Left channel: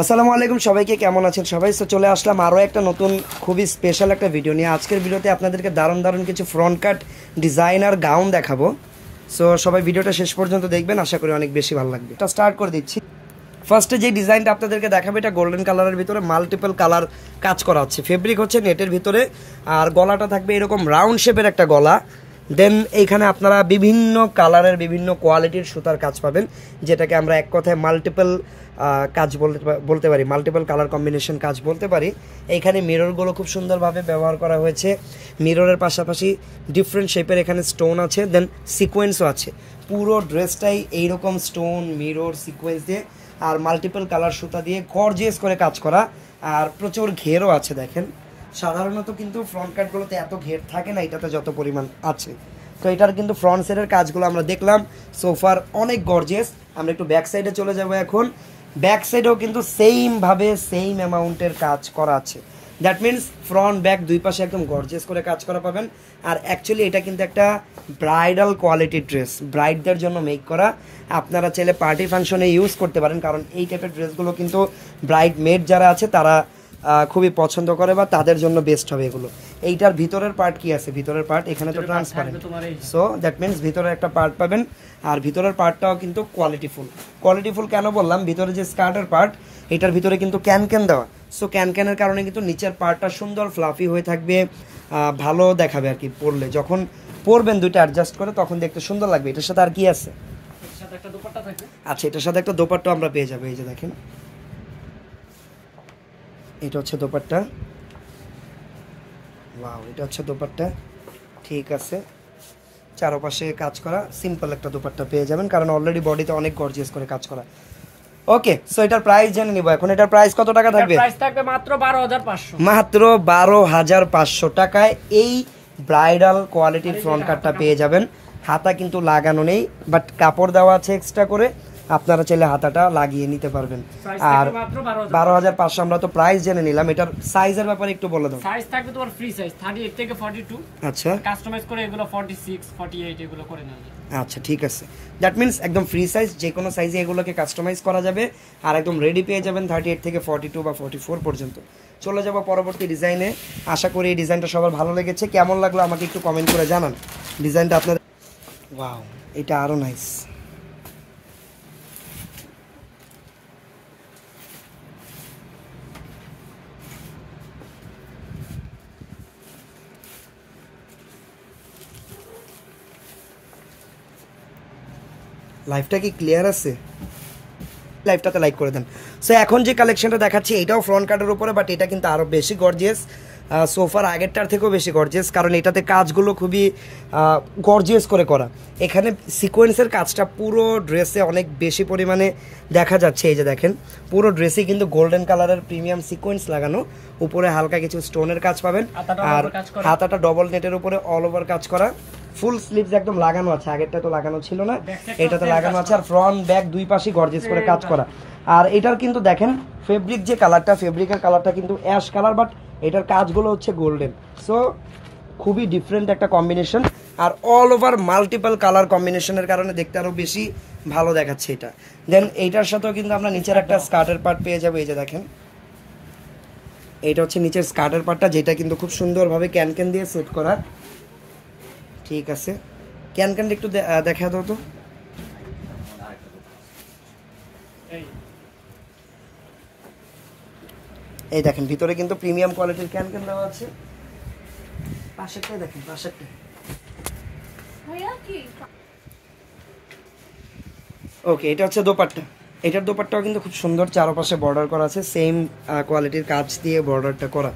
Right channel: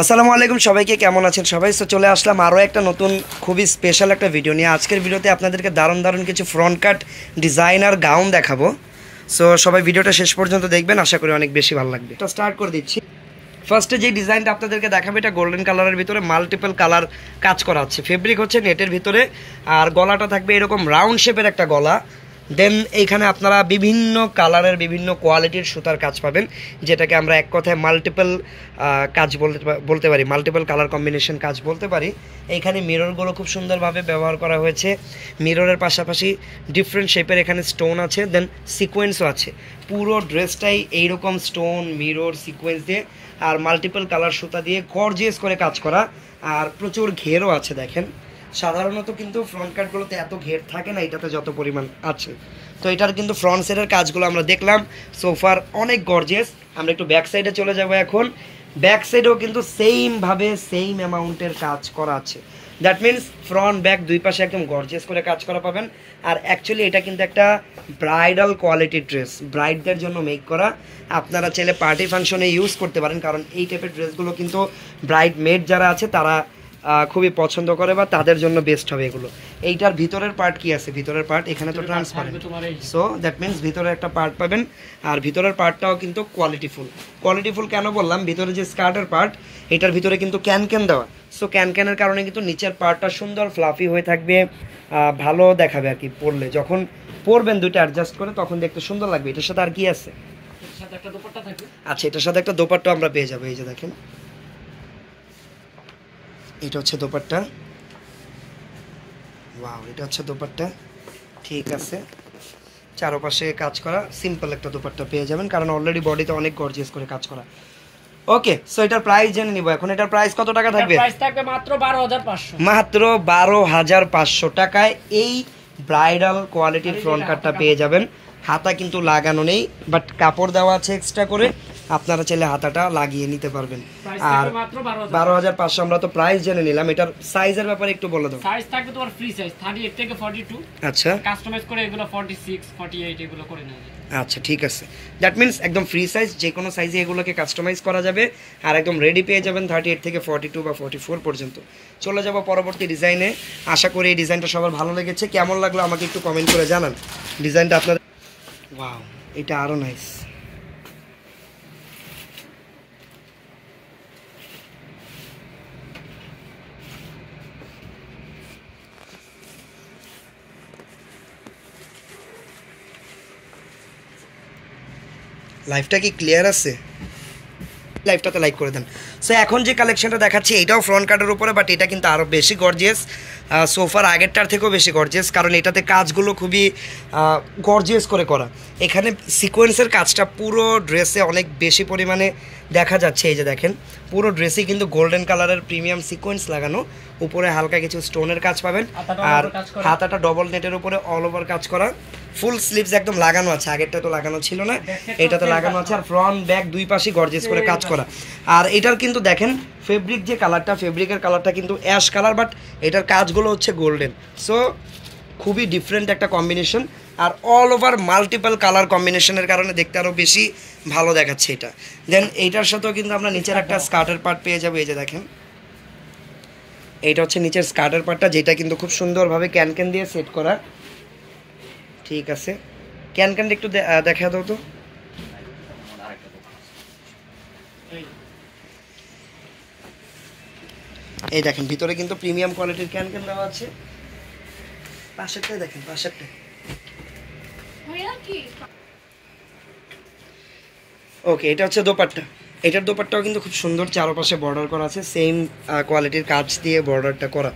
আসসালামু আলাইকুম সবাইকে, কেমন আছেন সবাই? সো চলে আসলাম আরও একটা নতুন খুবই স্পেশাল একটা ভিডিও নিয়ে। আজকের ভিডিওতে আপনাদেরকে দারুণ কিছু ফ্রন্ট কাট ডিজাইনার গাউন দেখাবো। সো সবাই ভিডিওটা শেষ পর্যন্ত দেখবেন, আশা করি অনেক বেশি ভালো লাগবে। তো স্টার্ট করে দিচ্ছি। ফার্স্টে যে ডিজাইনটা আপনাদেরকে দেখাবে এটা গোল্ডেন কালারের ভিতরে মাল্টিপল কালার কাজ করা আছে। ফেব্রিক হচ্ছে নেটের ভিতরে, আর গলাটা থাকবে এরকম রাউন্ড শেপের একটা গলা। দেন এইখানে আপনারা বিভিন্ন কালারের বিভিন্ন কোয়ালিটির সুতার কাজ পাবেন, যেটাকে আমরা এক কথায় মাল্টিপল কাজ বলতে পারি, মাল্টিপল কালার কম্বিনেশন কাজ বলতে পারি। এইখানে মিররগুলো খুব সুন্দরভাবে ব্যবহার করা হয়েছে। মিররের পাশাপাশি ডিফারেন্ট শেপের এখানে স্টোন আছে, দেন সিকোয়েন্সও আছে। পুরো ড্রেসটাই এইরকম স্টোন, মিরর, সিকোয়েন্স দিয়ে আর মাল্টিপল কালার সুতা দিয়ে গর্জিয়াস করে কাজ করা। আর প্রচুর ঘেরও আছে দেখেন। সাধারণত কিন্তু ফ্রন্ট কাটগুলোতে এত ঘের থাকে না, এটাতে যত পরিমাণ আছে। তো এটার কিন্তু ফ্রন্ট সাইডের কাজগুলো আমরা দেখলাম সোফার অনেক গর্জিয়াস। আমরা একটু ব্যাক সাইডে চলে যাব এখন। ব্যাক সাইডেও কিন্তু সেমভাবে সেম অ্যামাউন্টের কাজ করা আছে। দ্যাট মিনস ফ্রন্ট ব্যাক দুই পাশে একদম গর্জিয়াস করে কাজ করা পাবেন। আর অ্যাকচুয়ালি এটা কিন্তু একটা ব্রাইডাল কোয়ালিটির ড্রেস, ব্রাইডদের জন্য মেক করা। আপনারা চাইলে পার্টি ফাংশনে ইউজ করতে পারেন, কারণ এই টাইপের ড্রেসগুলো কিন্তু ব্রাইড মেড যারা আছে তারা খুবই পছন্দ করে বা তাদের জন্য বেস্ট হবে এগুলো। এইটার ভিতরের পার্ট কি আছে? ভিতরের পার্ট এখানে তো ট্রান্সপারেন্ট, সো দ্যাট মিনস ভিতরে একটা পার্ট পাবেন। আর ভিতরের পার্টটাও কিন্তু কোয়ালিটিফুল কেন বললাম? ভিতরে যে স্কার্টের পার্ট, এটার ভিতরে কিন্তু ক্যান দেওয়া। সো ক্যানের কারণে কিন্তু নিচের পার্টটা সুন্দর ফ্লাফি হয়ে থাকবে, ভালো দেখাবে আর কি। পরলে যখন পরবেন দুইটা অ্যাডজাস্ট করে, তখন দেখতে সুন্দর লাগবে। এটার সাথে আর কি আছে? আচ্ছা, এটার সাথে একটা দোপাট্টা আমরা পেয়ে যাবো। এই যে দেখেন, এটা হচ্ছে দোপাট্টা। ওয়াও, এটা হচ্ছে দোপাট্টা। ঠিক আছে, চারপাশে কাজ করা সিম্পল একটা দোপাট্টা পেয়ে যাবেন, কারণ অলরেডি বডিতে অনেক গর্জিয়াস করে কাজ করা। ওকে, সো এটার প্রাইস জেনে নিব এখন। এটার প্রাইস কত টাকা থাকবে? প্রাইস থাকবে মাত্র 12500। মাত্র 12500 টাকায় এই ব্রাইডাল কোয়ালিটির ফ্রন্ট কাটটা পেয়ে যাবেন। হাতা কিন্তু লাগানো নেই, বাট কাপড় দেওয়া আছে এক্সট্রা করে, আপনারা চাইলে হাতাটা লাগিয়ে নিতে পারবেন। আর 12500 আমরা তো প্রাইস জেনে নিলাম। এটার সাইজের ব্যাপারে একটু বলে দাও। সাইজ থাকবে তোমার ফ্রি সাইজ 38 থেকে 42। আচ্ছা, কাস্টমাইজ করে এগুলো 46 48 এগুলো করে নেওয়া যায়। আচ্ছা, ঠিক আছে। দ্যাট মিনস একদম ফ্রি সাইজ, যে কোনো সাইজে এগুলোকে কাস্টমাইজ করা যাবে। আর একদম রেডি পেয়ে যাবেন 38 থেকে 42 বা 44 পর্যন্ত। চলে যাব পরবর্তী ডিজাইনে। আশা করি এই ডিজাইনটা সবার ভালো লেগেছে। কেমন লাগলো আমাকে একটু কমেন্ট করে জানান। ডিজাইনটা আপনাদের, ওয়াও, এটা আরও নাইস। লাইভটা কি ক্লিয়ার আছে? লাইভটাতে লাইক করে দেন। সো এখন যে কালেকশনটা দেখাচ্ছি এটাও ফ্রন্ট কাটের উপরে, বাট এটা কিন্তু আরও বেশি গর্জিয়াস। সোফার আগেরটার থেকেও বেশি গর্জিয়াস, কারণ এটাতে কাজগুলো খুবই গর্জিয়াস করে করা। এখানে সিকোয়েন্সের কাজটা পুরো ড্রেসে অনেক বেশি পরিমাণে দেখা যাচ্ছে। এই যে দেখেন, পুরো ড্রেসে কিন্তু গোল্ডেন কালারের প্রিমিয়াম সিকোয়েন্স লাগানো। উপরে হালকা কিছু স্টোনের কাজ পাবেন, আর হাতাটা ডবল নেটের উপরে অল ওভার কাজ করা। ফুল স্লিভস একদম লাগানো আছে, আগেরটা তো লাগানো ছিল না, এটা তো লাগানো আছে। আর ফ্রন্ট ব্যাক দুই পাশে গর্জিয়াস করে কাজ করা। আর এটার কিন্তু দেখেন ফেব্রিক যে কালারটা, ফেব্রিকের কালারটা কিন্তু অ্যাশ কালার, বাট এটার কাজগুলো হচ্ছে গোল্ডেন। সো খুবই ডিফারেন্ট একটা কম্বিনেশন। আর অল ওভার মাল্টিপল কালার কম্বিনেশনের কারণে দেখতে আরও বেশি ভালো দেখাচ্ছে এটা। দেন এইটার সাথেও কিন্তু আমরা নিচের একটা স্কার্টের পার্ট পেয়ে যাবো। এই যে দেখেন, এইটা হচ্ছে নিচের স্কার্টের পার্টটা, যেটা কিন্তু খুব সুন্দরভাবে ক্যান দিয়ে সেট করা। ঠিক আছে, ক্যানটা একটু দেখা দাও তো। এই দেখেন, ভিতরে কিন্তু প্রিমিয়াম কোয়ালিটির ক্যান দেওয়া আছে। পাশেরটাই দেখেন, পাশেরটা। ওকে, এটা হচ্ছে দোপাট্টা। এটার দোপাট্টাও কিন্তু খুব সুন্দর, চারপাশে বর্ডার করা আছে, সেম কোয়ালিটির কাজ দিয়ে বর্ডারটা করা।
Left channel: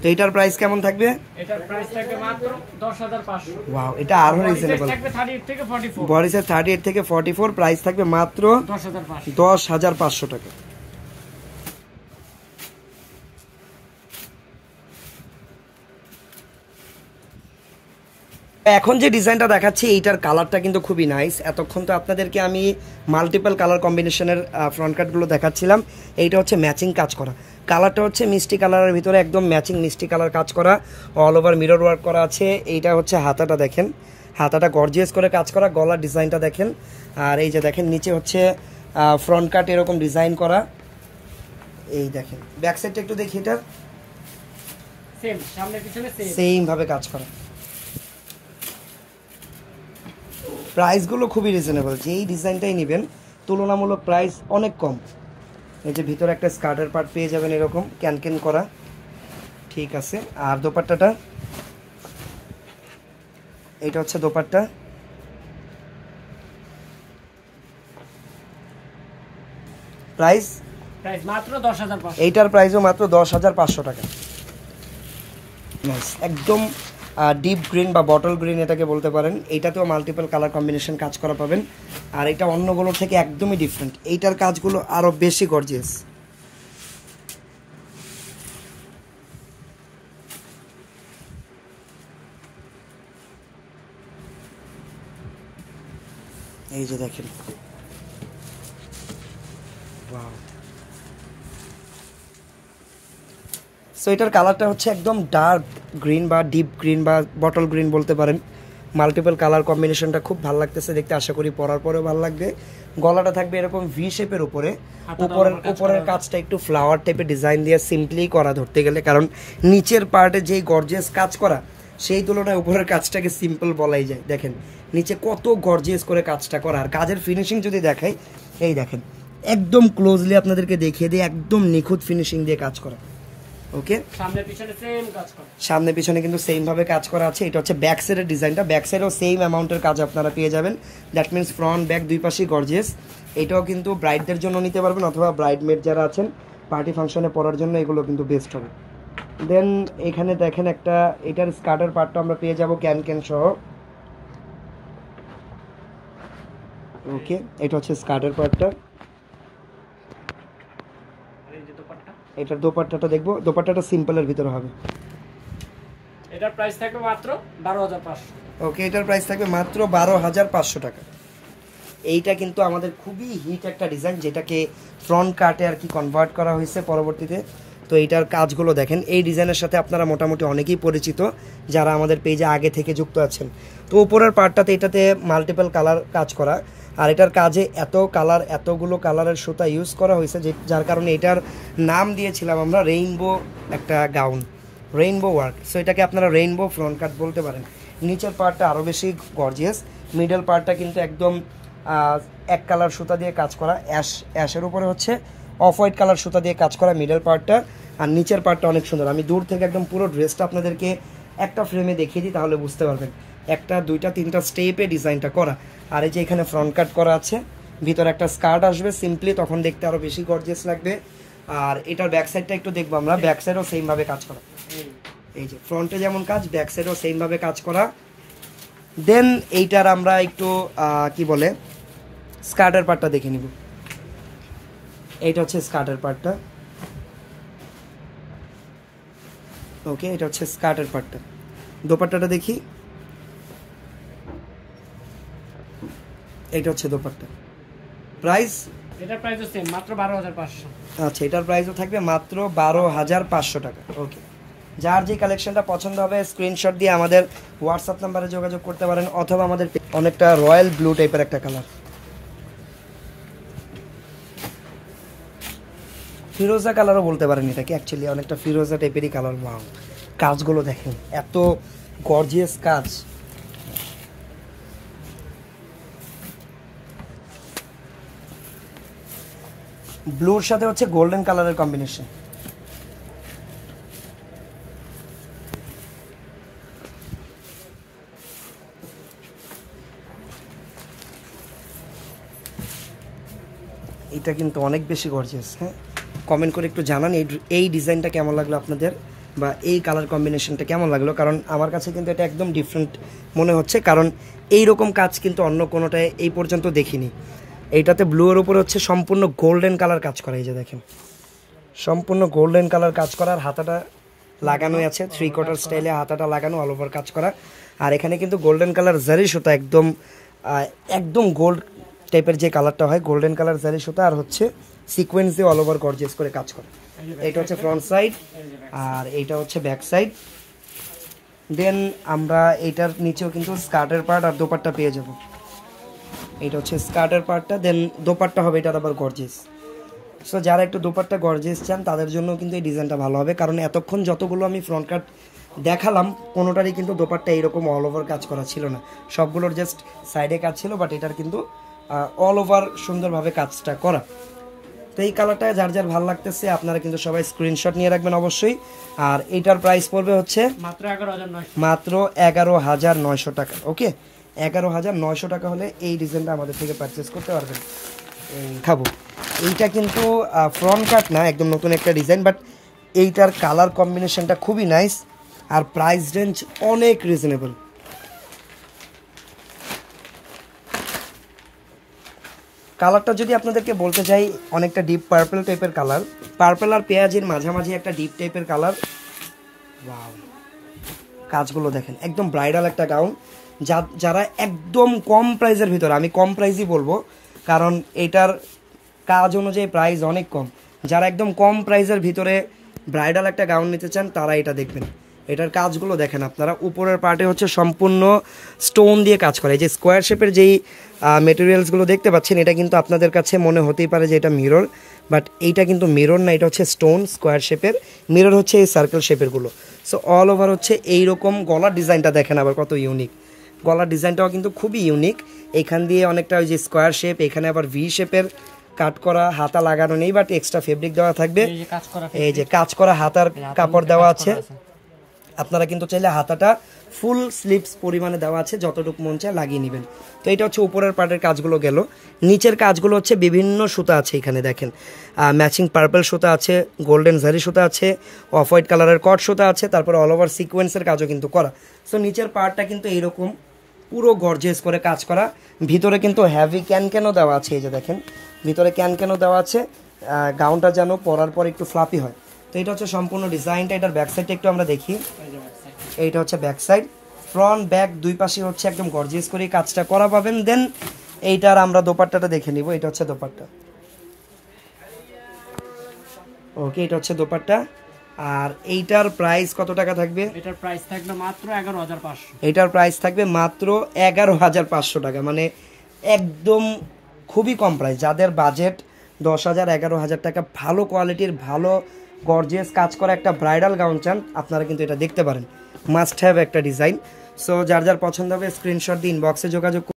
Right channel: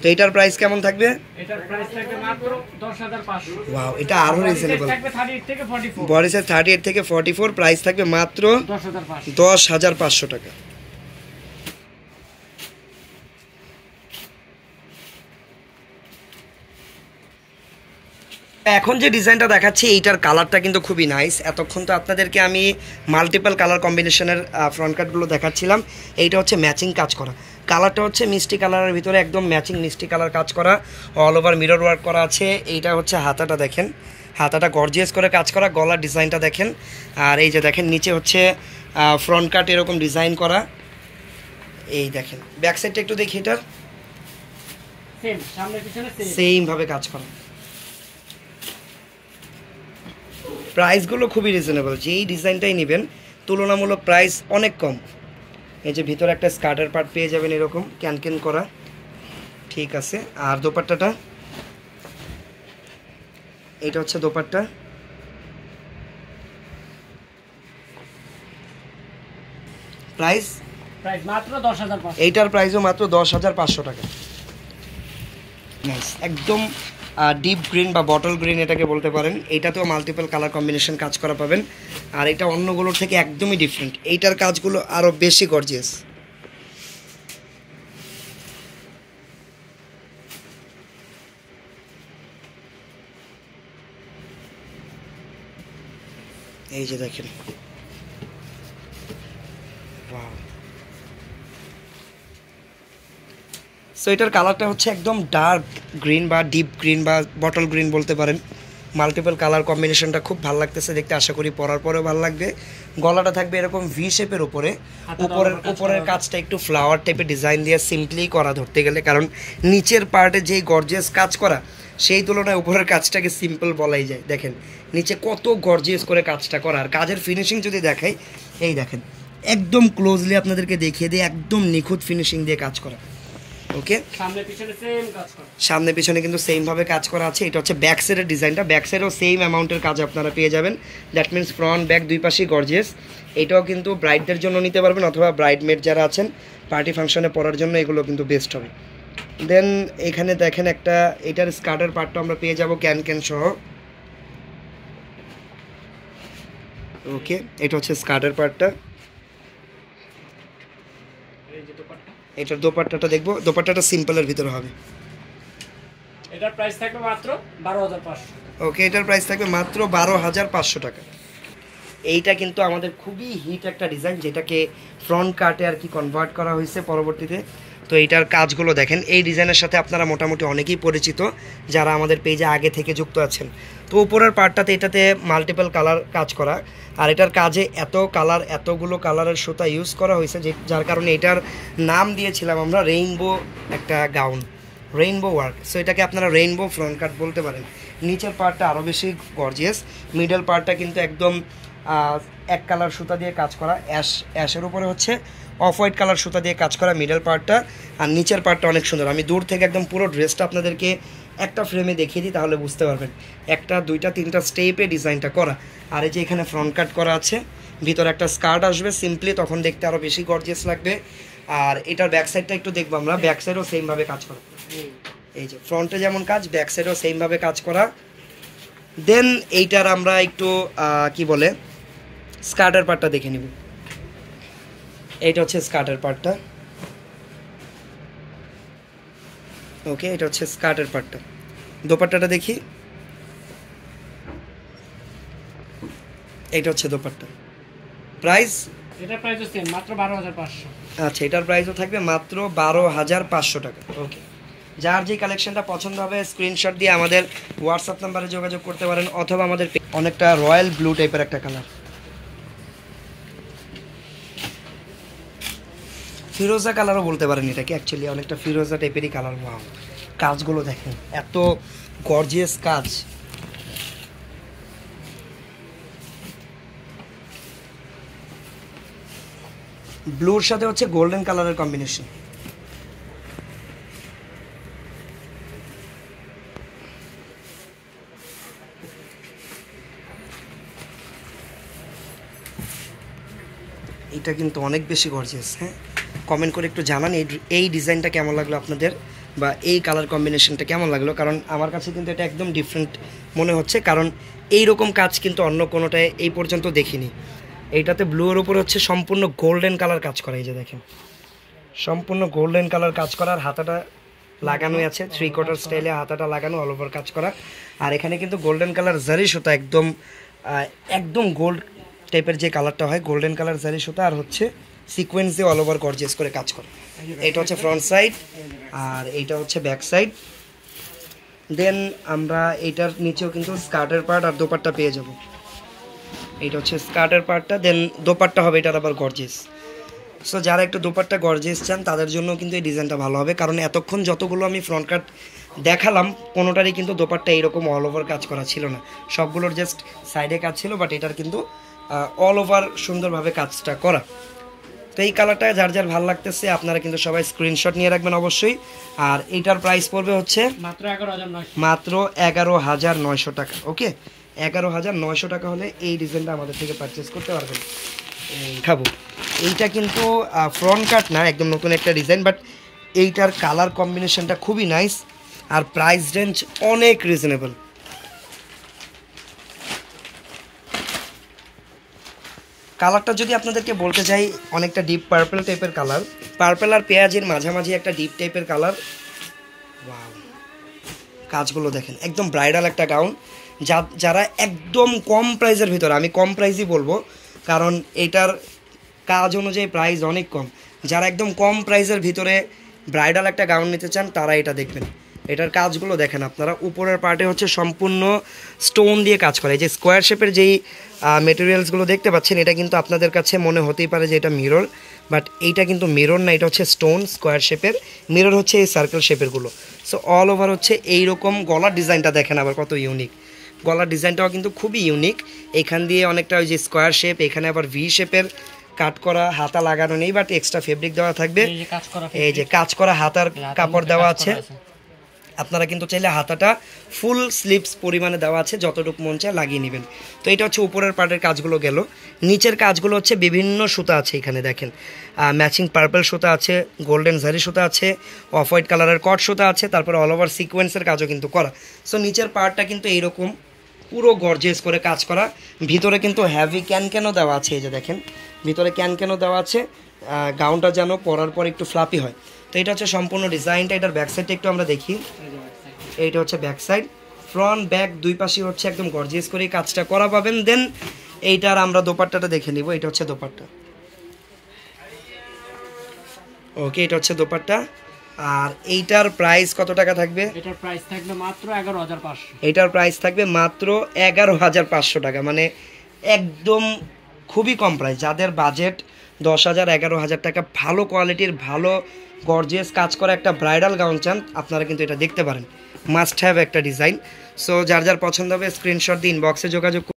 তো এটার প্রাইস কেমন থাকবে? এটার প্রাইস থাকবে মাত্র 10500। ওয়াও, এটা আরো রিজনেবল। থাকবে 38 থেকে 44। বডি সাইজ 38 থেকে 44, প্রাইস থাকবে মাত্র 10500 টাকা। এখন যে ডিজাইনটা দেখাচ্ছি এইটার কালারটা কিন্তু খুবই নাইস। এতক্ষণ তো আপনাদেরকে আমি মাল্টিপল কালার কম্বিনেশনের ফ্রন্ট কাটগুলো দেখাচ্ছিলাম। এইটা হচ্ছে ম্যাচিং কাজ করা। কালারটা হচ্ছে মিষ্টি কালারের ভিতরে একদম ম্যাচিং মিষ্টি কালার কাজ করা, অল ওভার মিরর ওয়ার্ক করা আছে। এইটা হচ্ছে হাতাটা দেখেন, হাতাটা গর্জিয়াস করে কাজ করা। গলার ডিজাইনটা দেখেন। আর এই যে দেখেন নিচে হচ্ছে ফ্রন্ট কাট এরকম ডিজাইন করা। এই দেখেন ব্যাক সাইডটা একটু দেখি, এটা সেম সামনে পিছনে সেম ভাবে কাজ করা। প্রাইসগুলো খুবই রিজনেবল, যেই ডিজাইনটাই নেবেন তুলনামূলক প্রাইস অনেক কম। এই যে ভিতরে একটা স্কার্টের পার্ট পেয়ে যাবেন এরকম ক্যানক্যান করা, ঠিক আছে। আর দোপাট্টাটা, এটা হচ্ছে দোপাট্টা, প্রাইস মাত্র 10,500। এইটার প্রাইসও মাত্র 10,500 টাকা। নাইস, একদম ডিপ গ্রিন বা বটল গ্রিন এটাকে বলতে পারেন। এইটাতেও মাল্টিপল কালার কম্বিনেশন কাজ করা পাবেন, আর এটা অন্যগুলোর থেকে একদমই ডিফারেন্ট। এইটার কাজগুলো আরও বেশি গর্জিয়াস। এই যে দেখেন, সো এটার কালারটা হচ্ছে একদম ডার্ক গ্রিন বা ডিপ গ্রিন বা বটল গ্রিন বলতে পারেন। মাল্টিপল কালার কম্বিনেশনটা খুব ভালো লাগতেছে দেখতে, আশা করি পরার পরেও ভালো লাগবে। গলাটা থাকবে এরকম ভি শেপের উপরে, উপরের কাজটা একটু ফ্লাওয়ার টাইপের ডিজাইন দিয়ে সিম্পলি করা ধরতে গেলে, কারণ নিচের পার্টে যেই গর্জিয়াস কাজ করা সেই তুলনায় উপরের কাজটাকে সিম্পল বলাই যায়। দেখেন নিচে কত গর্জিয়াস করে কাজটা করা, আর কাজের ফিনিশিং যদি দেখাই, এই দেখেন একদম ক্লোজলি আপনাদেরকে দেখিয়ে দিয়ে একদম নিখুঁত ফিনিশিং দিয়ে কাজ করা। ওকে, সামনে পিছনে কিন্তু সেম ভাবে কাজ করা আছে। এটা হচ্ছে ব্যাক সাইডের ডিজাইনটা, ব্যাক সাইডেও সেম অ্যামাউন্টের কাজ আপনারা পেয়ে যাবেন। দ্যাট মিনস ফ্রন্ট ব্যাক দুই পাশেই গর্জিয়াস। এটাও কিন্তু ব্রাইডদের জন্য নিতে পারবেন, অথবা ব্রাইডমেড যারা আছেন পার্টি ফাংশনে পরার জন্য এগুলো কিন্তু বেস্ট হবে। দেন এখানে দেখেন একটা, এটার স্কার্টের পার্টটা আমরা পেয়ে যাব ক্যান সহ। ওকে, এটা হচ্ছে স্কার্টের পার্টটা। এটার দোপাট্টাটা দেখবো, দোপাট্টাটা সিম্পলের ভিতরে হবে। এটার প্রাইস থাকবে মাত্র 12,500। ওকে, এটার প্রাইস থাকবে মাত্র 12,500 টাকা। এইটা কিন্তু আমাদের খুবই হিট একটা ডিজাইন, যেটাকে ফ্রন্ট কাটে আর কি কনভার্ট করা হয়েছে পরবর্তীতে। তো এইটার কাজগুলো দেখেন, এই ডিজাইনের সাথে আপনারা মোটামুটি অনেকেই পরিচিত যারা আমাদের পেজে আগে থেকে যুক্ত আছেন। তো উপরের পার্টটাতে এটাতে মাল্টিপল কালার কাজ করা, আর এটার কাজে এত কালার, এতগুলো কালারের সুতা ইউজ করা হয়েছে যার কারণে এটার নাম দিয়েছিলাম আমরা রেইনবো একটা গাউন, রেইনবো ওয়ার্ক। সো এটাকে আপনারা রেইনবো ফ্রন্ট কাট বলতে পারেন। নিচের পার্টটা আরও বেশি গর্জিয়াস, মিডল পার্টটা কিন্তু একদম এক কালার সুতা দিয়ে কাজ করা, অ্যাশের উপরে হচ্ছে অফ হোয়াইট কালার সুতা দিয়ে কাজ করা মিডল পার্টটা, আর নিচের পার্টটা অনেক সুন্দর। আমি দূর থেকে একদম পুরো ড্রেসটা আপনাদেরকে একটা ফ্রেমে দেখিয়ে দিই, তাহলে বুঝতে পারবেন। একটা দুইটা তিনটা স্টেপে ডিজাইনটা করা, আর এই যে এখানে ফ্রন্ট কাট করা আছে, ভিতরে একটা স্কার্ট আসবে সিম্পলি, তখন দেখতে আরও বেশি গর্জিয়াস লাগবে। আর এটার ব্যাক সাইডটা একটু দেখবো আমরা, ব্যাক সাইডও সেমভাবে কাজ করা। এই যে ফ্রন্টে যেমন কাজ, ব্যাক সাইডও সেমভাবে কাজ করা। দেন এইটার আমরা একটু কি বলে স্কার্টের পার্টটা দেখে নিব। এইটা হচ্ছে স্কার্টের পার্টটা। ওকে, এটা হচ্ছে স্কার্টের পার্টটা। দোপাট্টাটা দেখি, এইটা হচ্ছে দোপাট্টা। প্রাইস, এটার প্রাইসও সেম মাত্র 12,500। আচ্ছা, এটার প্রাইসও থাকবে মাত্র 12,500 টাকা। ওকে, যার যে কালেকশনটা পছন্দ হবে স্ক্রিনশট দিয়ে আমাদের হোয়াটসঅ্যাপ নাম্বারে যোগাযোগ করতে পারেন, অথবা আমাদের অনেকটা রয়্যাল ব্লু টাইপের একটা কালার, ফিরোজা কালারও বলতে পারেন এটাকে, অ্যাকচুয়ালি অনেকটা ফিরোজা টাইপেরই কালার। ওয়াও, কাজগুলো দেখেন এত গর্জিয়াস কাজ। ব্লুর সাথে হচ্ছে গোল্ডেন কালারের কম্বিনেশন। এটা কিন্তু অনেক বেশি গর্জিয়াস। হ্যাঁ, কমেন্ট করে একটু জানান এই ডিজাইনটা কেমন লাগলো আপনাদের, বা এই কালার কম্বিনেশনটা কেমন লাগলো, কারণ আমার কাছে কিন্তু এটা একদম ডিফারেন্ট মনে হচ্ছে, কারণ এই রকম কাজ কিন্তু অন্য কোনোটায় এই পর্যন্ত দেখিনি। এইটাতে ব্লুর উপর হচ্ছে সম্পূর্ণ গোল্ডেন কালার কাজ করা, এই যে দেখেন সম্পূর্ণ গোল্ডেন কালার কাজ করা, আর হাতাটা লাগানো আছে 3/4 স্টাইলে, হাতাটা লাগানো অল ওভার কাজ করা। আর এখানে কিন্তু গোল্ডেন কালার জারি সুতা, একদম গোল্ড টাইপের যে কালারটা হয়, গোল্ডেন কালার জারি সুতা, আর হচ্ছে সিকোয়েন্স দিয়ে অল ওভার গর্জিয়াস করে কাজ করে। এটা হচ্ছে ফ্রন্ট সাইড, আর এইটা হচ্ছে ব্যাক সাইড। দেন আমরা এইটার নিচেও কিন্তু স্কার্টের পার্ট আর দোপাট্টা পেয়ে যাব। এইটা হচ্ছে স্কার্টের পার্টটা, দেন দোপাট্টা হবে এটার আবার গর্জিয়াস। সো যারা একটু দোপাট্টা গর্জিয়াস চান তাদের জন্য কিন্তু এই ডিজাইনটা ভালো হবে, কারণ এতক্ষণ যতগুলো আমি ফ্রন্ট কাট দেখালাম কোনোটারই কিন্তু দোপাট্টা এরকম অল ওভার কাজ করা ছিল না, সবগুলোর জাস্ট সাইডে কাজ ছিল, বাট এটার কিন্তু অল ওভার সুন্দরভাবে কাজটা করা। তো এই কালারটা যার যার ভালো লাগতেছে আপনারা কিন্তু সবাই স্ক্রিনশট নিয়ে রাখবেন অবশ্যই। আর এইটার প্রাইস পড়বে হচ্ছে মাত্র 11,900 টাকা। ওকে, 11,900 টাকা হলে এই ডিজাইনটা আমাদের থেকে পারচেস করতে পারবেন। খাবো এইটা কিন্তু ফ্রন্ট কাট না, একদম নতুন একটা ডিজাইন, বাট এইটার কালার কম্বিনেশনটা খুবই নাইস আর প্রাইস রেঞ্জ অনেক রিজনেবল। কালারটা যদি আপনাদেরকে বলতে চাই, অনেকটা ডিপ পার্পল টাইপের কালার, পার্পল আর পেঁয়াজের মাঝামাঝি একটা ডিপ টাইপের কালার। কাজগুলো দেখেন, একদম ব্রাইডাল একটা গাউন। যারা একদম কম প্রাইসের ভিতরে, আমি কম প্রাইসই বলবো কারণ এটার কাজ অনুযায়ী প্রাইস অনেক কম, যারা একদম কম প্রাইসের ভিতরে ব্রাইডাল একটা গাউন নিতে চান তারা এটা দেখবেন। এটার কাজগুলো দেখেন আপনারা, উপরের পার্টে হচ্ছে সম্পূর্ণ স্টোন দিয়ে কাজ করে। এই যে স্কোয়ার শেপের যেই মেটেরিয়ালসগুলো দেখতে পাচ্ছেন, এটা কিন্তু আপনাদের কাছে মনে হতেই পারে যে এটা মিরর, বাট এইটা কিন্তু মিরর না, এটা হচ্ছে স্টোন স্কোয়ার শেপের, মিরর হচ্ছে এই সার্কেল শেপেরগুলো। সো অল ওভার হচ্ছে এইরকম। গলার ডিজাইনটা দেখেন আবার কত ইউনিক, গলার ডিজাইনটাও কিন্তু খুবই ইউনিক। এখান দিয়ে অনেকটা ওই যে স্কোয়ার শেপ, এখানে আবার ভি শেপের কাট করা, হাতা লাগানো নেই, বাট এক্সট্রা ফেব্রিক দেওয়া থাকবে। এই যে কাজ করা হাতার কাপড় দেওয়া আছে, আপনারা কিন্তু চাইলে হাতাটা ফুল স্লিভস পরিমাণে দেওয়া আছে, যতটুকু মন চায় লাগিয়ে নেবেন। তো এটা হচ্ছে উপরের পার্টের কাজগুলো গেল। নিচের কাজগুলো হচ্ছে বিভিন্ন সুতা আছে, এখানে দেখেন ম্যাচিং পার্পল সুতা আছে, গোল্ডেন জারি সুতা আছে, অফ হোয়াইট কালারের কট সুতা আছে, তারপরে অল ওভার সিকোয়েন্সের কাজও কিন্তু করা। সো নিচের পার্টটা কিন্তু এইরকম পুরো গর্জিয়াস করে কাজ করা। ভিতরে কিন্তু হ্যাভি ক্যানও দেওয়া আছে, এই যে দেখেন ভিতরে ক্যানও দেওয়া আছে, গাউনটা যেন পরার পর একটু ফ্লাপি হয়। তো এটা হচ্ছে সম্পূর্ণ ডিজাইনটা। এটার ব্যাক সাইডটা একটু আমরা দেখি। এইটা হচ্ছে ব্যাক সাইড, ফ্রন্ট ব্যাক দুই পাশে হচ্ছে একদম গর্জিয়াস করে কাজটা করা পাবেন। দেন এইটার আমরা দোপাট্টাটা দেখে নিব। এটা হচ্ছে দোপাট্টা। ওকে, এটা হচ্ছে দোপাট্টা। আর এইটার প্রাইস কত টাকা থাকবে? এটার প্রাইস থাকবে মাত্র 11,500। এটার প্রাইস থাকবে মাত্র 11,500 টাকা, মানে একদম খুবই কম প্রাইস। যাদের বাজেট 10,000 11,000 টাকা, ভালো কোয়ালিটির ভালো গর্জিয়াস কাজ করা একটা ব্রাইডাল গাউন চান, আপনারা কিন্তু এটা দেখতে পারেন। মাস্ট হ্যাভ একটা ডিজাইন। সো যার যার পছন্দ হবে স্ক্রিনশট দিয়ে ইনবক্সে যোগাযোগ